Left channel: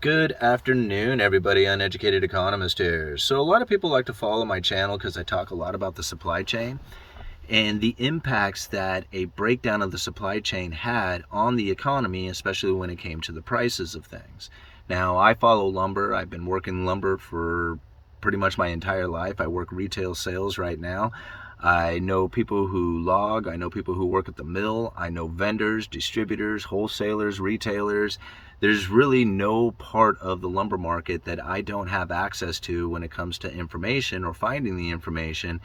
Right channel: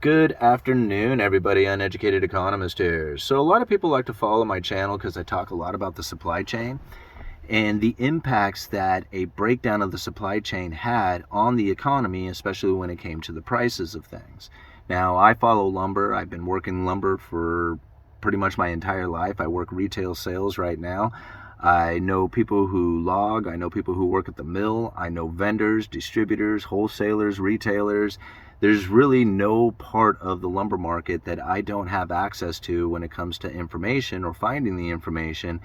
Good afternoon, everybody. Uneducated Economist here. So a lot of people like to follow my channel because I talk a lot about the supply chain and the impacts that a breakdown of the supply chain had on the economy, especially when it came to the prices of things. Now, I follow lumber. I've been working lumber for pretty much my entire life. I work retail sales right now. I know people who log, I know people who work at the mill, I know vendors, distributors, wholesalers, retailers. There's really no part of the lumber market that I don't have access to when it comes to information or finding the information.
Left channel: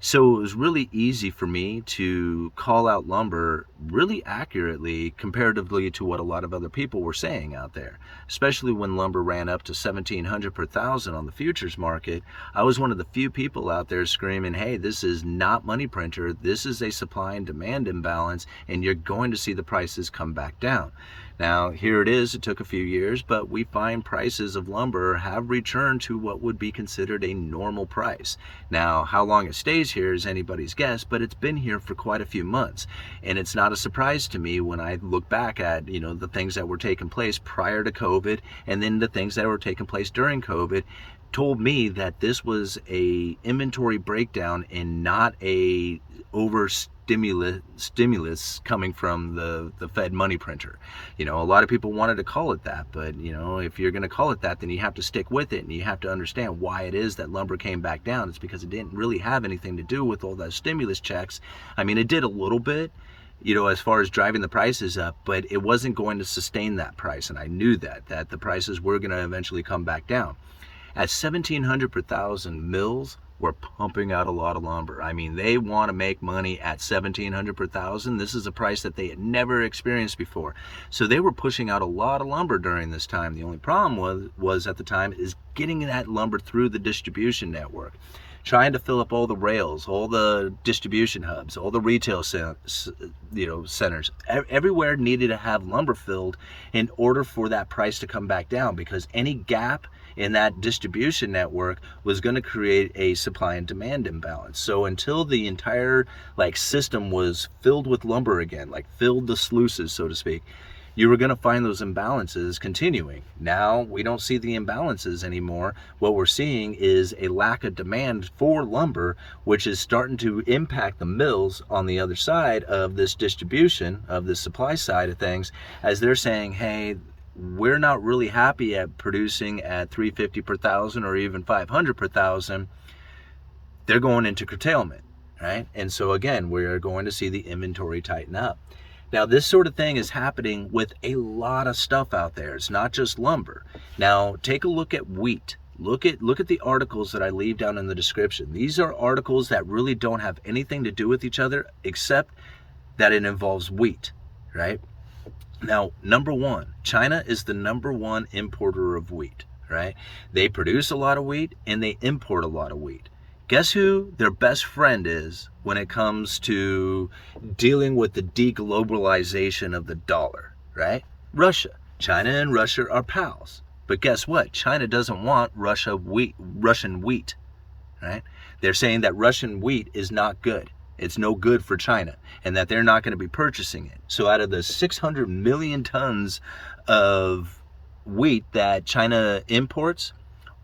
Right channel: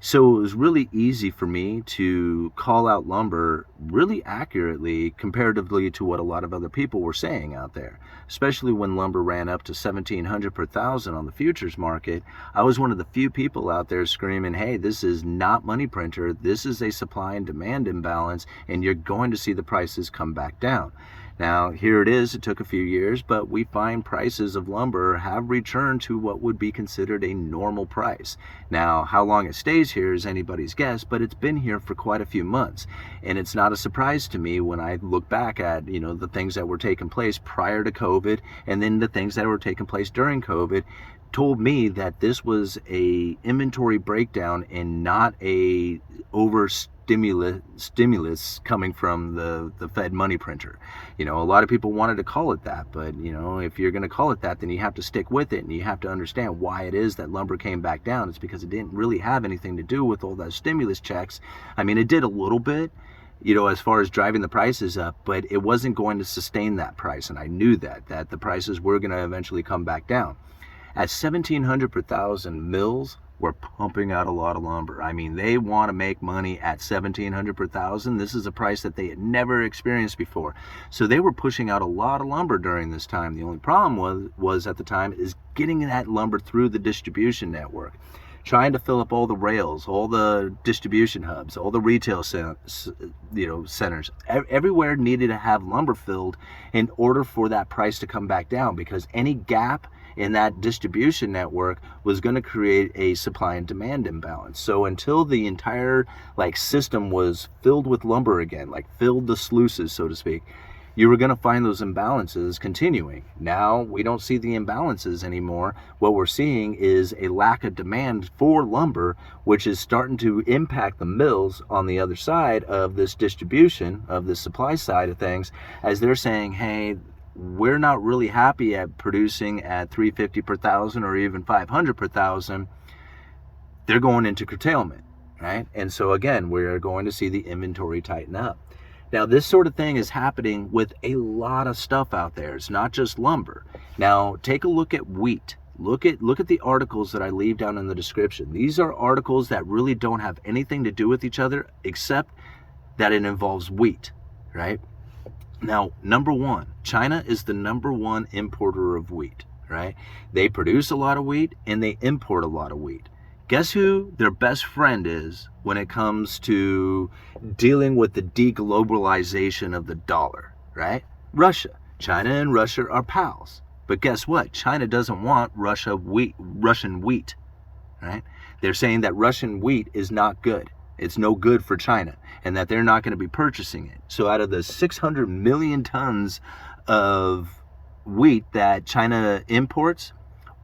So it was really easy for me to call out lumber really accurately comparatively to what a lot of other people were saying out there, especially when lumber ran up to $1,700 per thousand on the futures market. I was one of the few people out there screaming, hey, this is not money printer, this is a supply and demand imbalance, and you're going to see the prices come back down. Now, here it is. It took a few years, but we find prices of lumber have returned to what would be considered a normal price. Now, how long it stays here is anybody's guess, but it's been here for quite a few months. And it's not a surprise to me when I look back at, the things that were taking place prior to COVID and then the things that were taking place during COVID told me that this was a inventory breakdown and not a stimulus coming from the Fed money printer. A lot of people wanted to call it that, but if you're going to call it that, then you have to stick with it, and you have to understand why it is that lumber came back down. It's because it didn't really have anything to do with all those stimulus checks. I mean, it did a little bit, as far as driving the prices up, but it wasn't going to sustain that price, and I knew that the prices were going to eventually come back down. At $1,700 per thousand, mills were pumping out a lot of lumber. I mean, they want to make money at $1,700 per thousand. This is a price that they had never experienced before. So they were pushing out a lot of lumber during this time. The only problem was at the time is getting that lumber through the distribution network, trying to fill up all the rails, all the distribution hubs, all the retail centers. Everywhere needed to have lumber filled in order for that price to come back down, because any gap in that distribution network was going to create a supply and demand imbalance. So until the entire system was filled with lumber again, filled the sluices, so to speak, you were going to find those imbalances continuing. Now we don't see the imbalances anymore. What we're seeing is a lack of demand for lumber, which is starting to impact the mills on the other side of this distribution, of the supply side of things, as they're saying, hey, we're not really happy at producing at $350 per thousand or even $500 per thousand. They're going into curtailment, right? And so again, we're going to see the inventory tighten up. Now, this sort of thing is happening with a lot of stuff out there. It's not just lumber. Now, take a look at wheat. Look at the articles that I leave down in the description. These are articles that really don't have anything to do with each other except that it involves wheat, right? Now, number one, China is the number one importer of wheat, right? They produce a lot of wheat and they import a lot of wheat. Guess who their best friend is when it comes to dealing with the deglobalization of the dollar, right? Russia. China and Russia are pals. But guess what? China doesn't want Russian wheat, right? They're saying that Russian wheat is not good. It's no good for China, and that they're not going to be purchasing it. So out of the 600 million tons of wheat that China imports,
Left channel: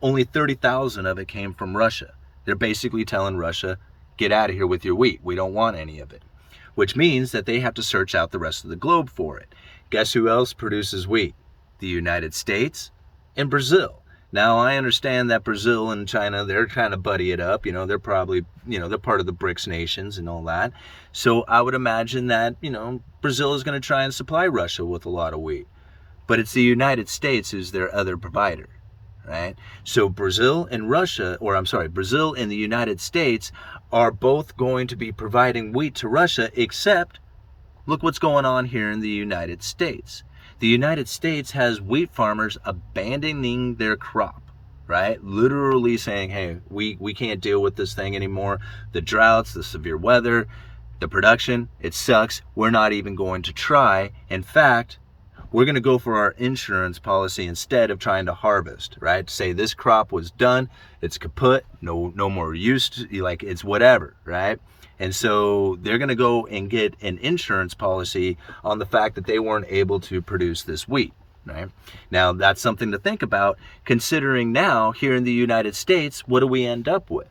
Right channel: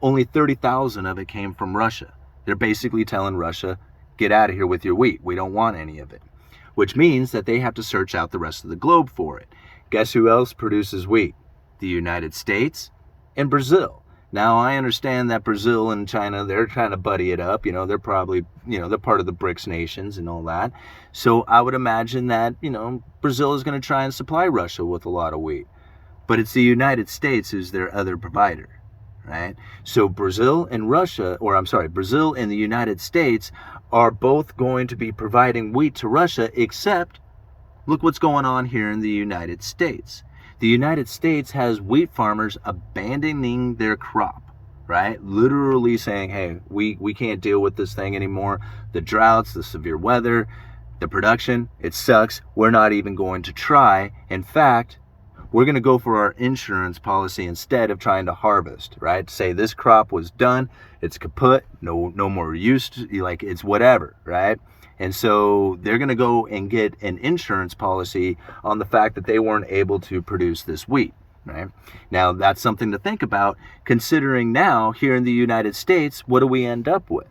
only 30,000 of it came from Russia. They're basically telling Russia, get out of here with your wheat. We don't want any of it, which means that they have to search out the rest of the globe for it. Guess who else produces wheat? The United States and Brazil. Now, I understand that Brazil and China, they're trying to buddy it up. They're probably, they're part of the BRICS nations and all that. So I would imagine that, Brazil is going to try and supply Russia with a lot of wheat. But it's the United States who's their other provider, right? So Brazil and the United States are both going to be providing wheat to Russia, except look what's going on here in the United States. The United States has wheat farmers abandoning their crop, right? Literally saying, hey, we can't deal with this thing anymore. The droughts, the severe weather, the production, it sucks. We're not even going to try. In fact, we're going to go for our insurance policy instead of trying to harvest, right? Say this crop was done, it's kaput, no more use, it's whatever, right? And so they're going to go and get an insurance policy on the fact that they weren't able to produce this wheat. right? Now, that's something to think about, considering now, here in the United States, what do we end up with?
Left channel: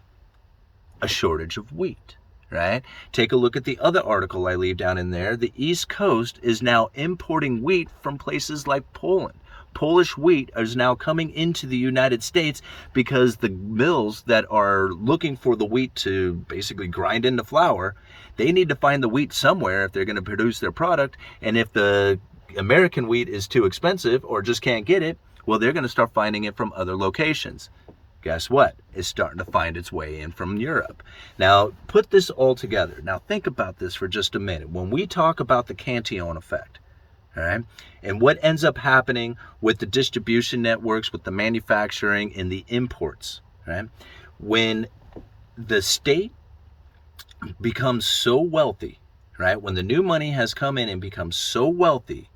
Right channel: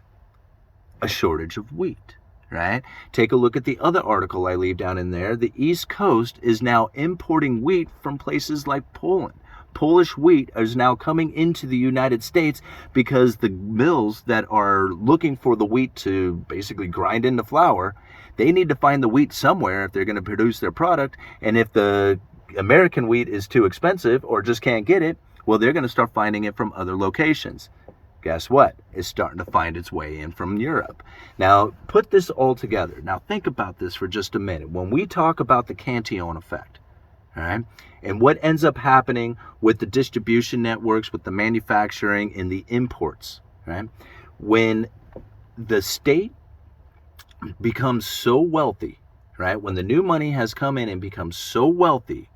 A shortage of wheat, right? Take a look at the other article I leave down in there. The East Coast is now importing wheat from places like Poland. Polish wheat is now coming into the United States because the mills that are looking for the wheat to basically grind into flour, they need to find the wheat somewhere if they're going to produce their product. And if the American wheat is too expensive or just can't get it, well, they're going to start finding it from other locations. Guess what? It's starting to find its way in from Europe. Now, put this all together. Now, think about this for just a minute. When we talk about the Cantillon effect, all right, and what ends up happening with the distribution networks, with the manufacturing and the imports, right? When the state becomes so wealthy, right? When the new money has come in and becomes so wealthy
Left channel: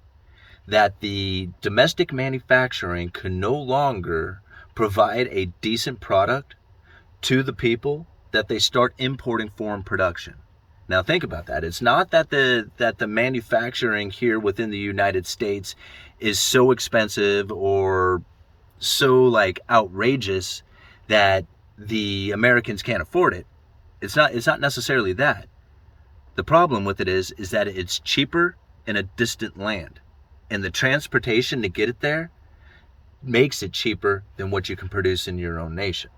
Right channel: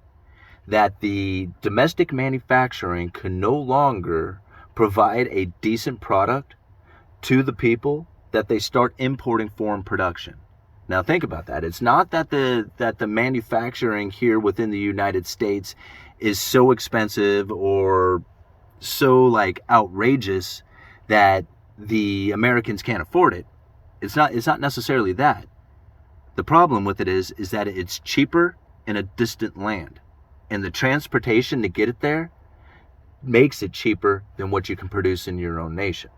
that the domestic manufacturing can no longer provide a decent product to the people, that they start importing foreign production. Now think about that. It's not that the manufacturing here within the United States is so expensive or so like outrageous that the Americans can't afford it. It's not necessarily that. The problem with it is that it's cheaper in a distant land. And the transportation to get it there makes it cheaper than what you can produce in your own nation.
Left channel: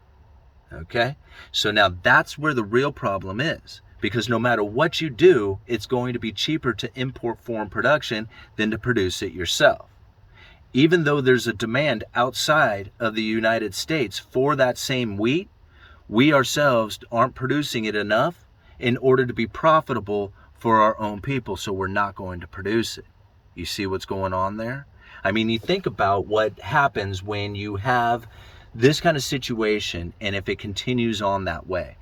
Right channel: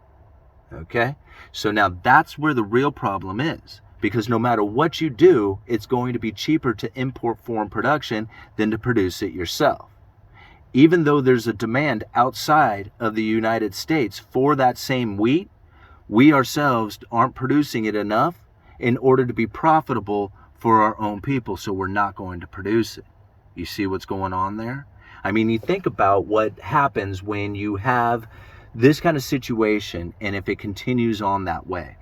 Okay? So now that's where the real problem is. Because no matter what you do, it's going to be cheaper to import foreign production than to produce it yourself. Even though there's a demand outside of the United States for that same wheat, we ourselves aren't producing it enough in order to be profitable for our own people, so we're not going to produce it. You see what's going on there? I mean, you think about what happens when you have this kind of situation and if it continues on that way.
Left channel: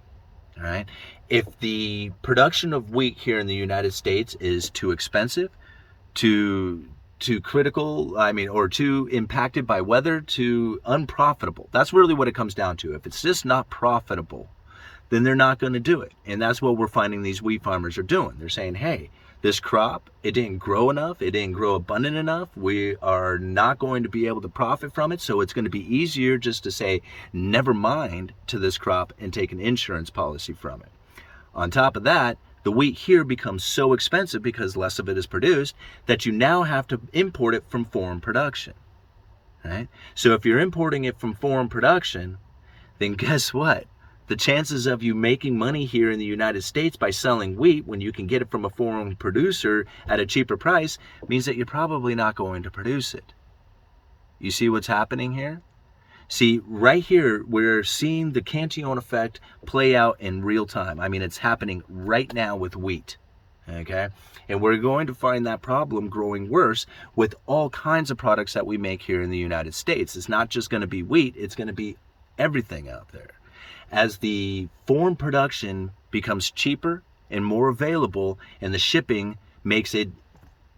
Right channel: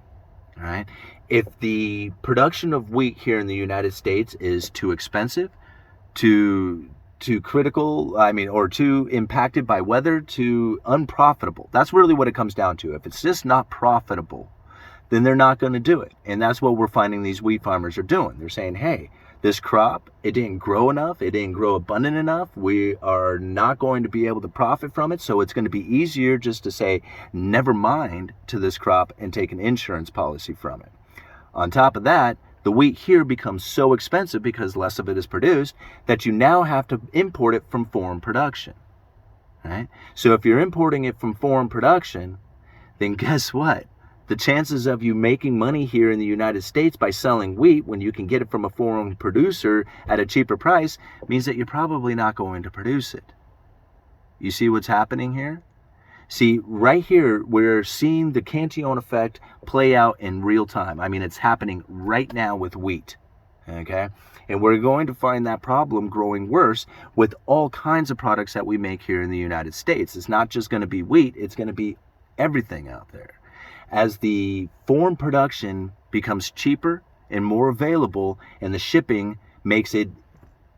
All right. If the production of wheat here in the United States is too expensive, too critical, or too impacted by weather, too unprofitable, that's really what it comes down to. If it's just not profitable, then they're not going to do it. And that's what we're finding these wheat farmers are doing. They're saying, hey, this crop, it didn't grow enough, it didn't grow abundant enough, we are not going to be able to profit from it, so it's going to be easier just to say never mind to this crop and take an insurance policy from it. On top of that, the wheat here becomes so expensive because less of it is produced that you now have to import it from foreign production. Right? So if you're importing it from foreign production, then guess what? The chances of you making money here in the United States by selling wheat when you can get it from a foreign producer at a cheaper price means that you're probably not going to produce it. You see what's happening here? See, right here, we're seeing the Cantillon effect play out in real time. I mean, it's happening right now with wheat, okay? And we're going to find that problem growing worse with all kinds of products that we make here in the United States. It's not just going to be wheat, it's going to be everything out there. As the foreign production becomes cheaper and more available and the shipping makes it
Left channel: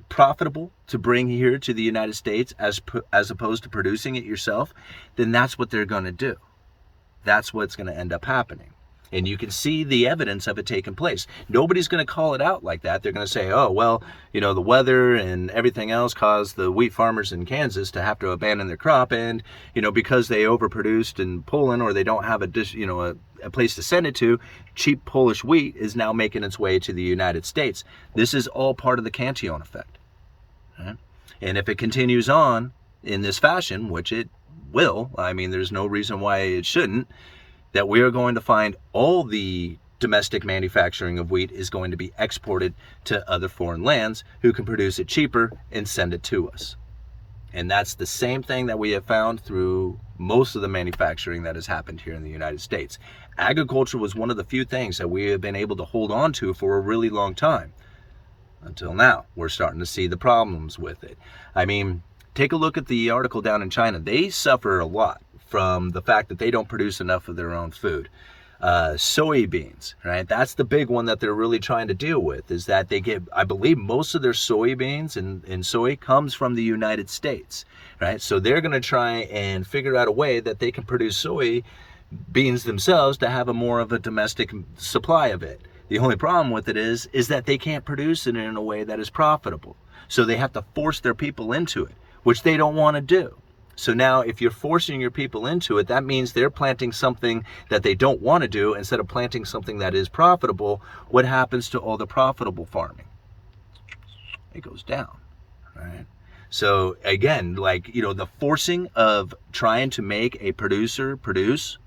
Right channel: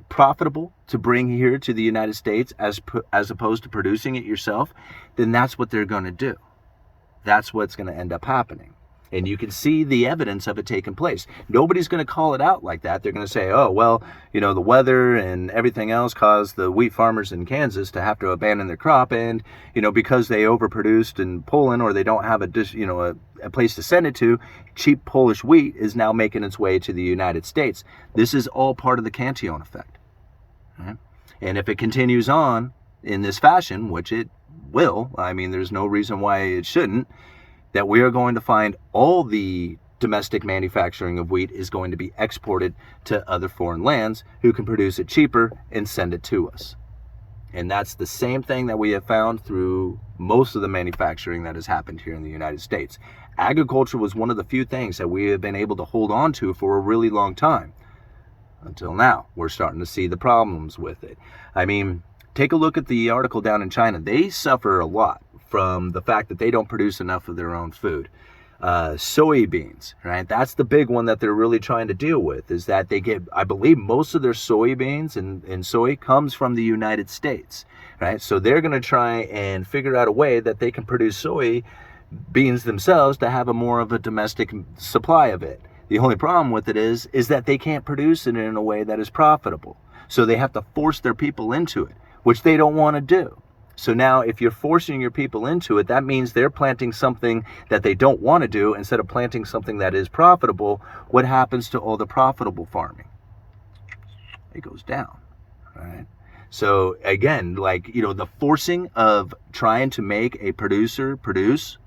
profitable to bring here to the United States as opposed to producing it yourself, then that's what they're going to do. That's what's going to end up happening. And you can see the evidence of it taking place. Nobody's going to call it out like that. They're going to say, oh, well, the weather and everything else caused the wheat farmers in Kansas to have to abandon their crop. And, because they overproduced in Poland or they don't have a place to send it to, cheap Polish wheat is now making its way to the United States. This is all part of the Cantillon effect. Right? And if it continues on in this fashion, which it will, there's no reason why it shouldn't, that we are going to find all the domestic manufacturing of wheat is going to be exported to other foreign lands who can produce it cheaper and send it to us. And that's the same thing that we have found through most of the manufacturing that has happened here in the United States. Agriculture was one of the few things that we have been able to hold on to for a really long time. Until now, we're starting to see the problems with it. Take a look at the article down in China. They suffer a lot from the fact that they don't produce enough of their own food. Soybeans, right? That's the big one that they're really trying to deal with, is that they get, I believe most of their soybeans and soy comes from the United States, right? So they're going to try and figure out a way that they can produce soy beans themselves to have a more of a domestic supply of it. The only problem with it is that they can't produce it in a way that is profitable. So they have to force their people into it, which they don't want to do. So now if you're forcing your people into it, that means they're planting something that they don't want to do instead of planting something that is profitable. What happens to all the profitable farming? It goes down, right? So again, like, you know, the forcing of trying to make a producer produce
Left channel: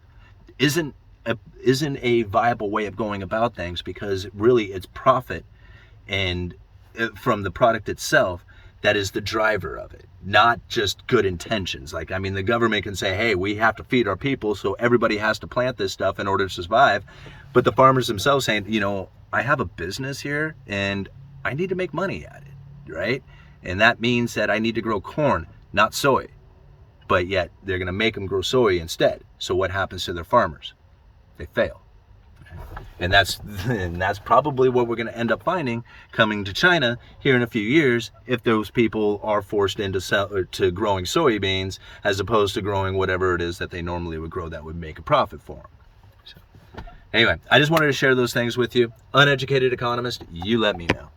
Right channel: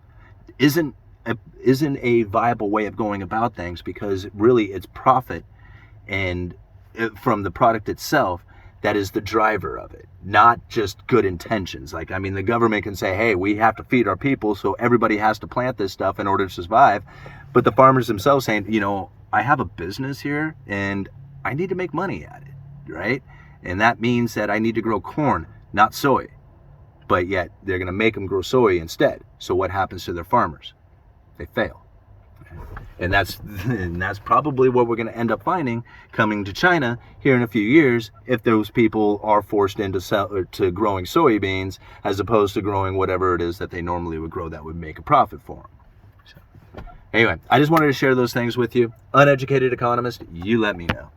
isn't a viable way of going about things, because really it's profit and from the product itself that is the driver of it, not just good intentions. Like, I mean, the government can say, hey, we have to feed our people, so everybody has to plant this stuff in order to survive. But the farmers themselves saying, you know, I have a business here and I need to make money at it, right? And that means that I need to grow corn, not soy. But yet they're going to make them grow soy instead. So what happens to their farmers? They fail. And that's probably what we're going to end up finding coming to China here in a few years, if those people are forced into growing soybeans as opposed to growing whatever it is that they normally would grow that would make a profit for them. So, anyway, I just wanted to share those things with you. Uneducated Economist, you let me know.